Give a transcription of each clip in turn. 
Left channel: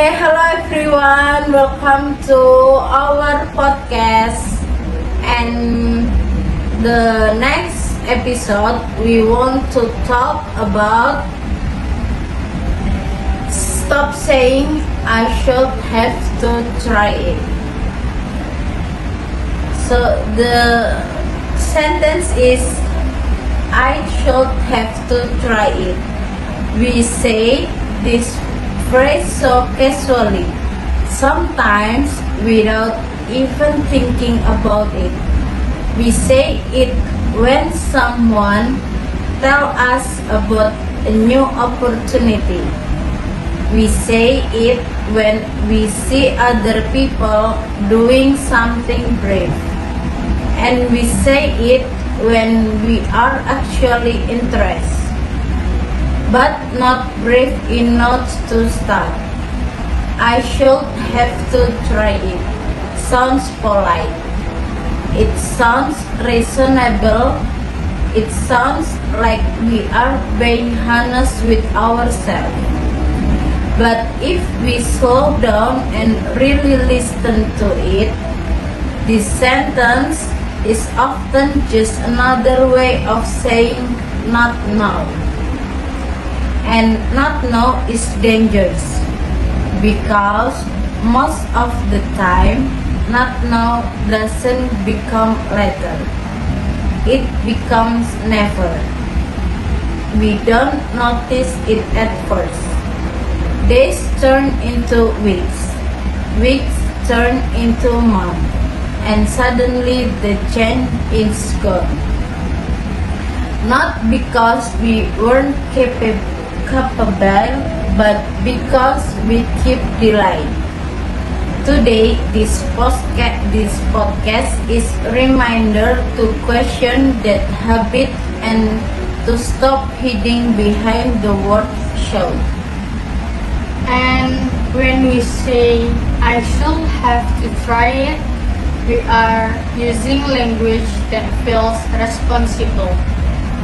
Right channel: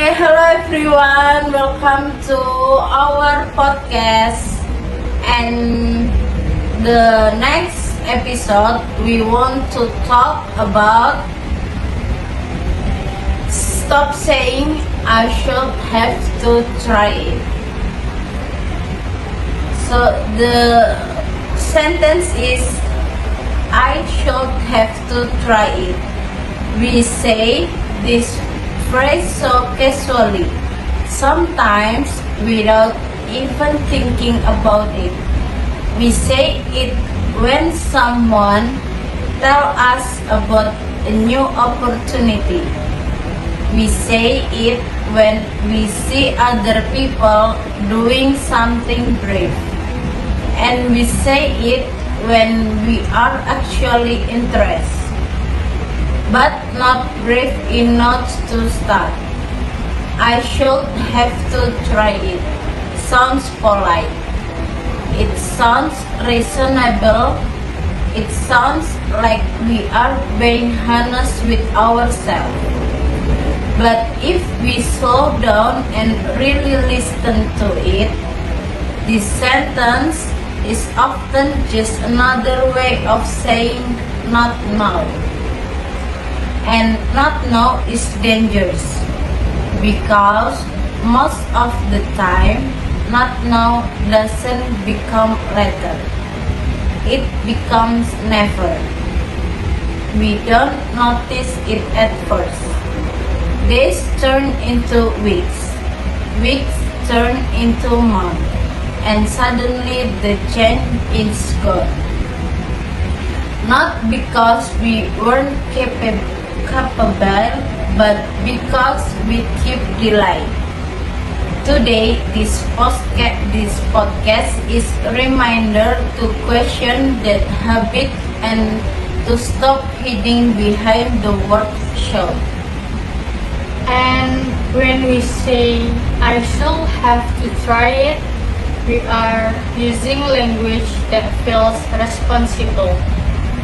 Hello everyone, welcome to our podcast. And the next episode, we want to talk about stop saying I should have to try it. So the sentence is I should have to try it. We say this phrase so casually, sometimes without even thinking about it. We say it when someone tells us about a new opportunity. We say it when we see other people doing something brave. And we say it when we are actually interested, but not brave enough to start. I should have to try it. Sounds polite. It sounds reasonable. It sounds like we are being honest with ourselves. But if we slow down and really listen to it, this sentence is often just another way of saying not now. And not now is dangerous because most of the time not now doesn't become later. It becomes never. We don't notice it at first. Days turn into weeks. Weeks turn into months. And suddenly the change is gone. Not because we weren't capable, but because we keep delaying. Today, this podcast is a reminder to question that habit and to stop hiding behind the word should. And when we say, I shall have to try it, we are using language that feels responsible,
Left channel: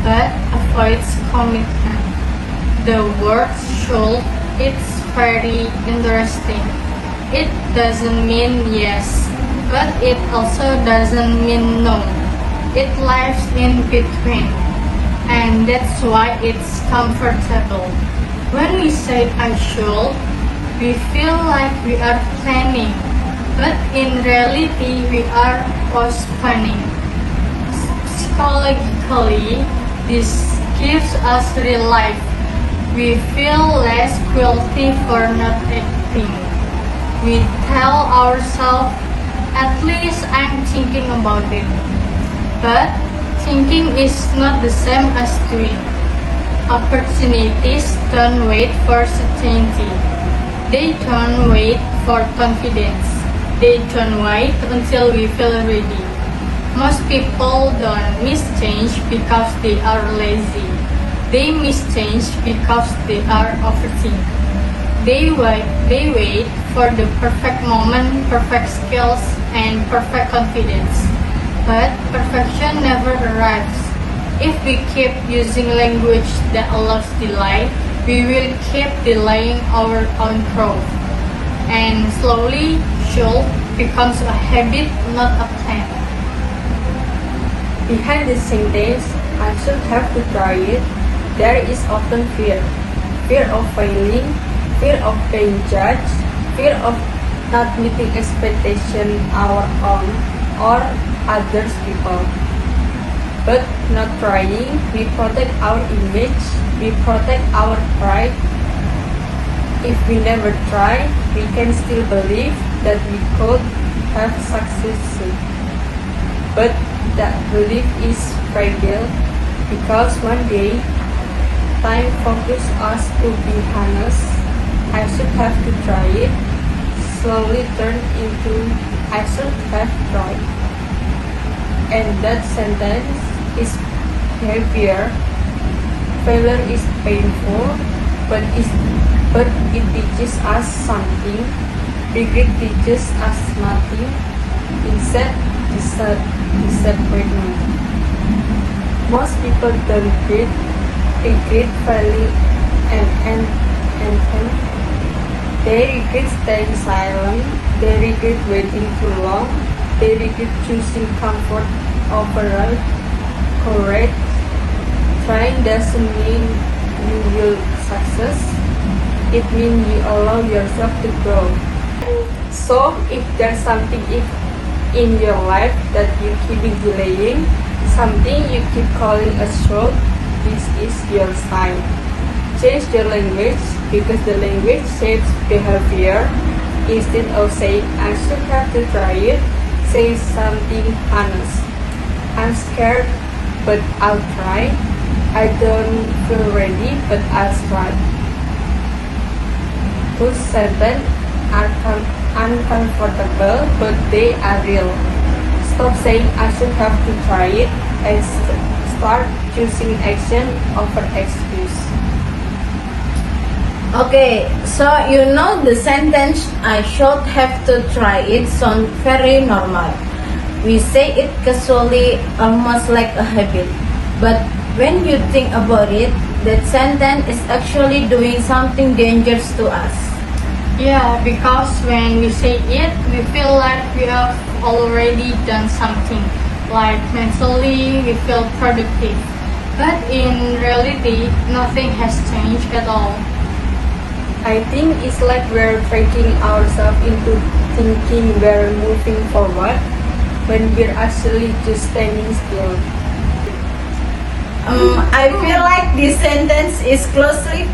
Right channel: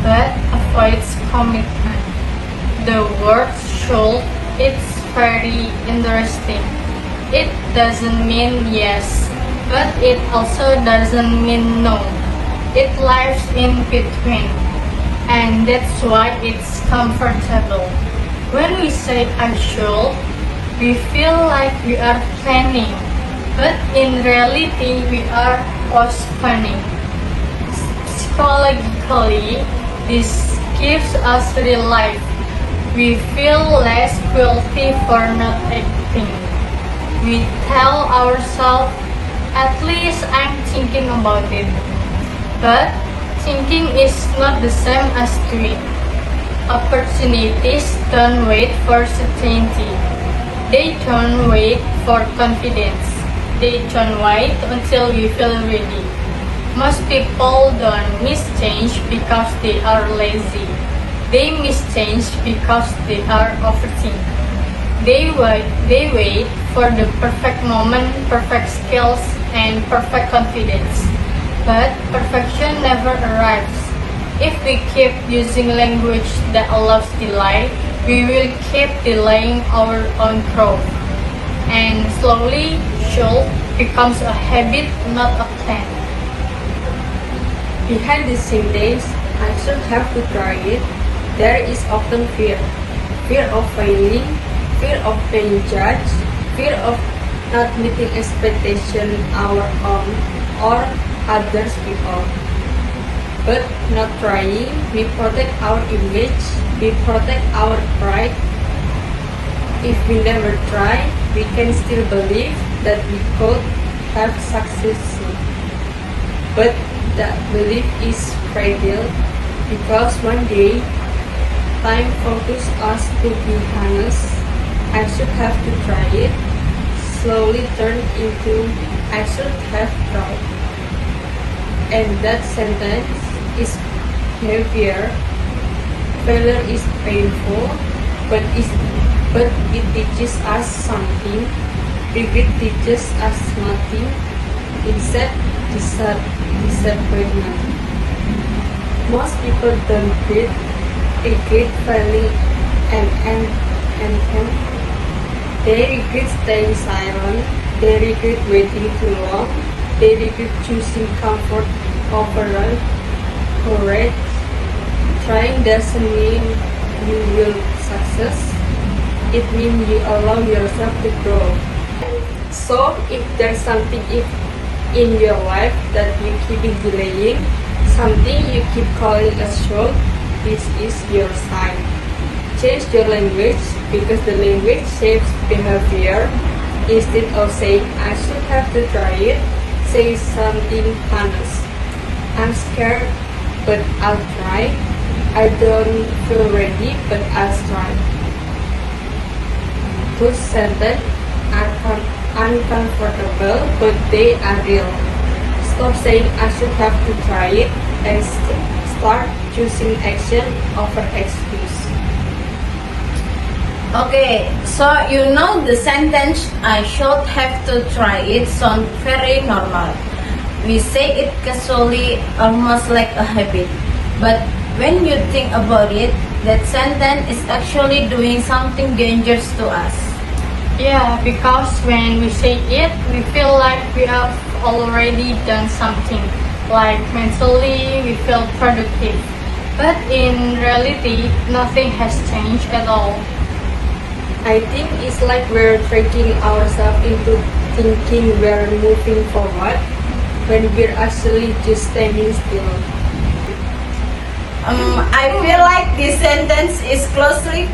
but avoids commitment. The word should, it's very interesting. It doesn't mean yes, but it also doesn't mean no. It lies in between, and that's why it's comfortable. When we say I should, we feel like we are planning, but in reality we are postponing. Psychologically, this gives us relief. We feel less guilty for not acting. We tell ourselves, at least I'm thinking about it. But thinking is not the same as doing. Opportunities don't wait for certainty. They don't wait for confidence. They don't wait until we feel ready. Most people don't miss change because they are lazy. They miss change because they are overthinking. They wait for the perfect moment, perfect skills, and perfect confidence. But perfection never arrives. If we keep using language that allows delay, we will keep delaying our own growth. And slowly, should becomes a habit, not a plan. Behind the sentence, I should have to try it, there is often fear. Fear of failing, fear of being judged, fear of not meeting expectations our own or others people. But not trying, we protect our image, we protect our pride. If we never try, we can still believe that we could have succeeded. But that belief is fragile because one day time forces us to be honest. I should have to try it. Slowly turn into I should have tried. And that sentence is heavier. Failure is painful, but it teaches us something. Regret teaches us nothing. Instead, disappointment. Most people don't regret failing and They regret staying silent. They regret waiting too long. They regret choosing comfort over courage. Trying doesn't mean you will success. It means you allow yourself to grow. So, if there's something in your life that you keep delaying, something you keep calling a short, this is your sign. Change your language because the language shapes behavior. Instead of saying I should have to try it, say something honest. I'm scared, but I'll try. I don't feel ready, but I'll try. Those sentences are uncomfortable, but they are real. Stop saying I should have to try it and start choosing action over excuse. Okay, so you know the sentence I should have to try it sounds very normal. We say it casually, almost like a habit. But when you think about it, that sentence is actually doing something dangerous to us. Yeah, because when we say it, we feel like we have already done something. Like mentally, we feel productive. But in reality, nothing has changed at all. I think it's like we're tricking ourselves into thinking we're moving forward when we're actually just standing still. I feel like this sentence is closely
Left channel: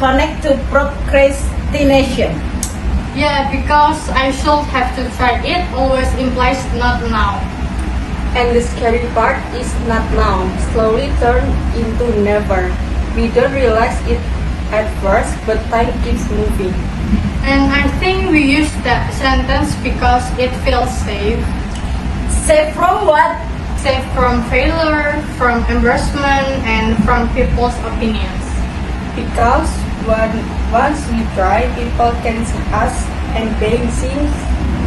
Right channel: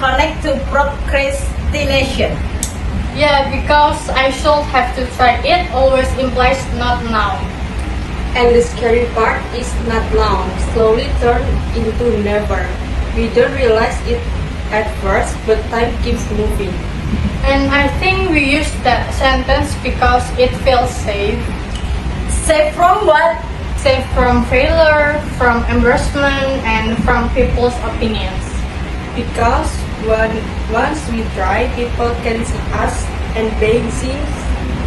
connected to procrastination. Yeah, because I should have to try it always implies not now. And the scary part is not now, slowly turn into never. We don't realize it at first, but time keeps moving. And I think we use that sentence because it feels safe. Safe from what? Safe from failure, from embarrassment, and from people's opinions. Because once we try, people can see us, and being seen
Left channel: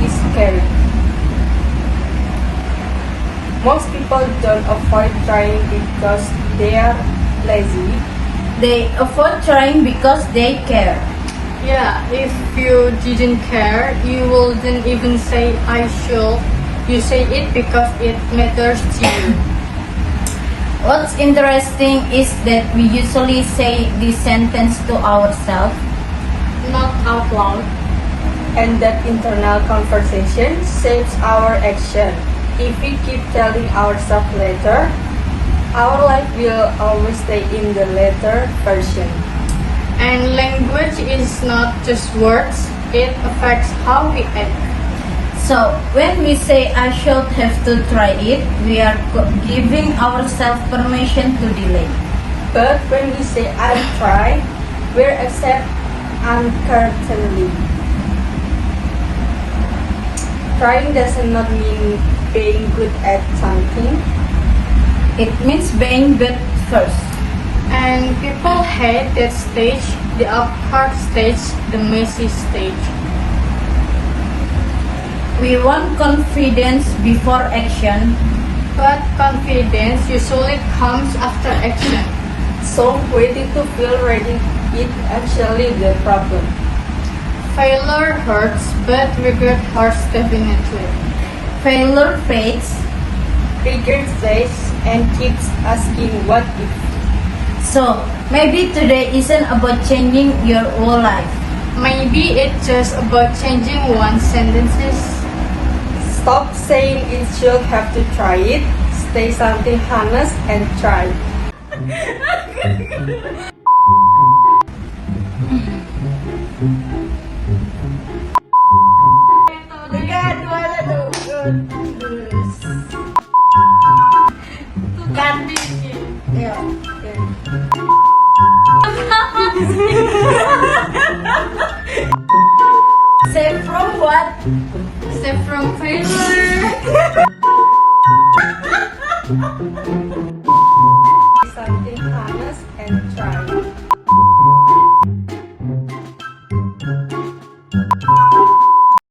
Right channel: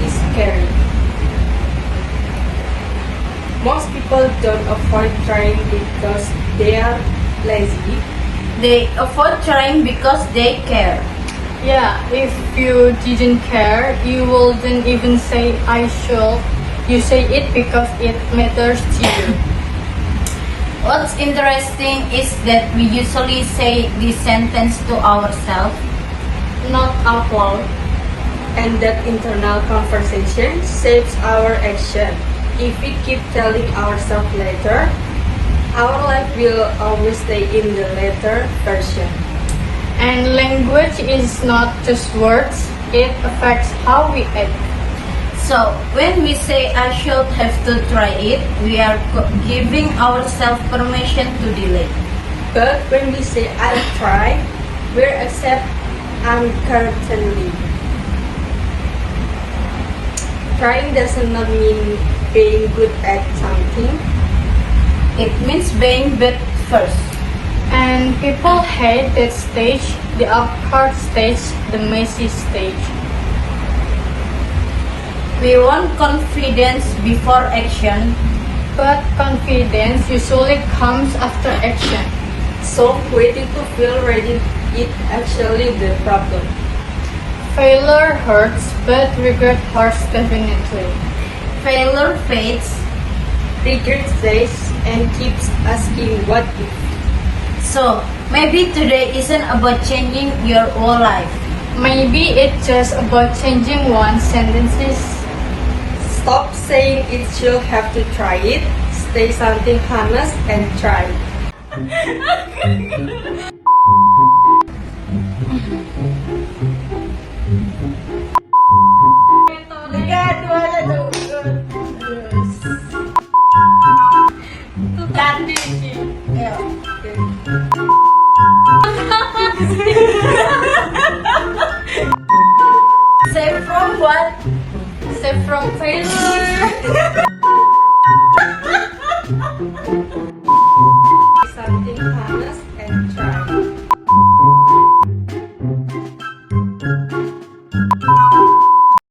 is scary. Most people don't avoid trying because they are lazy. They avoid trying because they care. Yeah, if you didn't care, you wouldn't even say I should. You say it because it matters to you. What's interesting is that we usually say this sentence to ourselves. Not out loud. And that internal conversation shapes our action. If we keep telling ourselves later, our life will always stay in the later version. And language is not just words, it affects how we act. So, when we say I should have to try it, we are giving ourselves permission to delay. But when we say I'll try, we're accept uncertainty. Trying doesn't not mean being good at something. It means being good first. And people hate that stage, the awkward stage, the messy stage. We want confidence before action. But confidence usually comes after action. So waiting to feel ready is actually the problem. Failure hurts, but regret hurts definitely. Failure fades. Regret stays and keeps asking what if. So, maybe today isn't about changing your whole life. Maybe it's just about changing one sentences. Stop saying it should have to try it. Say something honest and try. Save from what? Save from failure.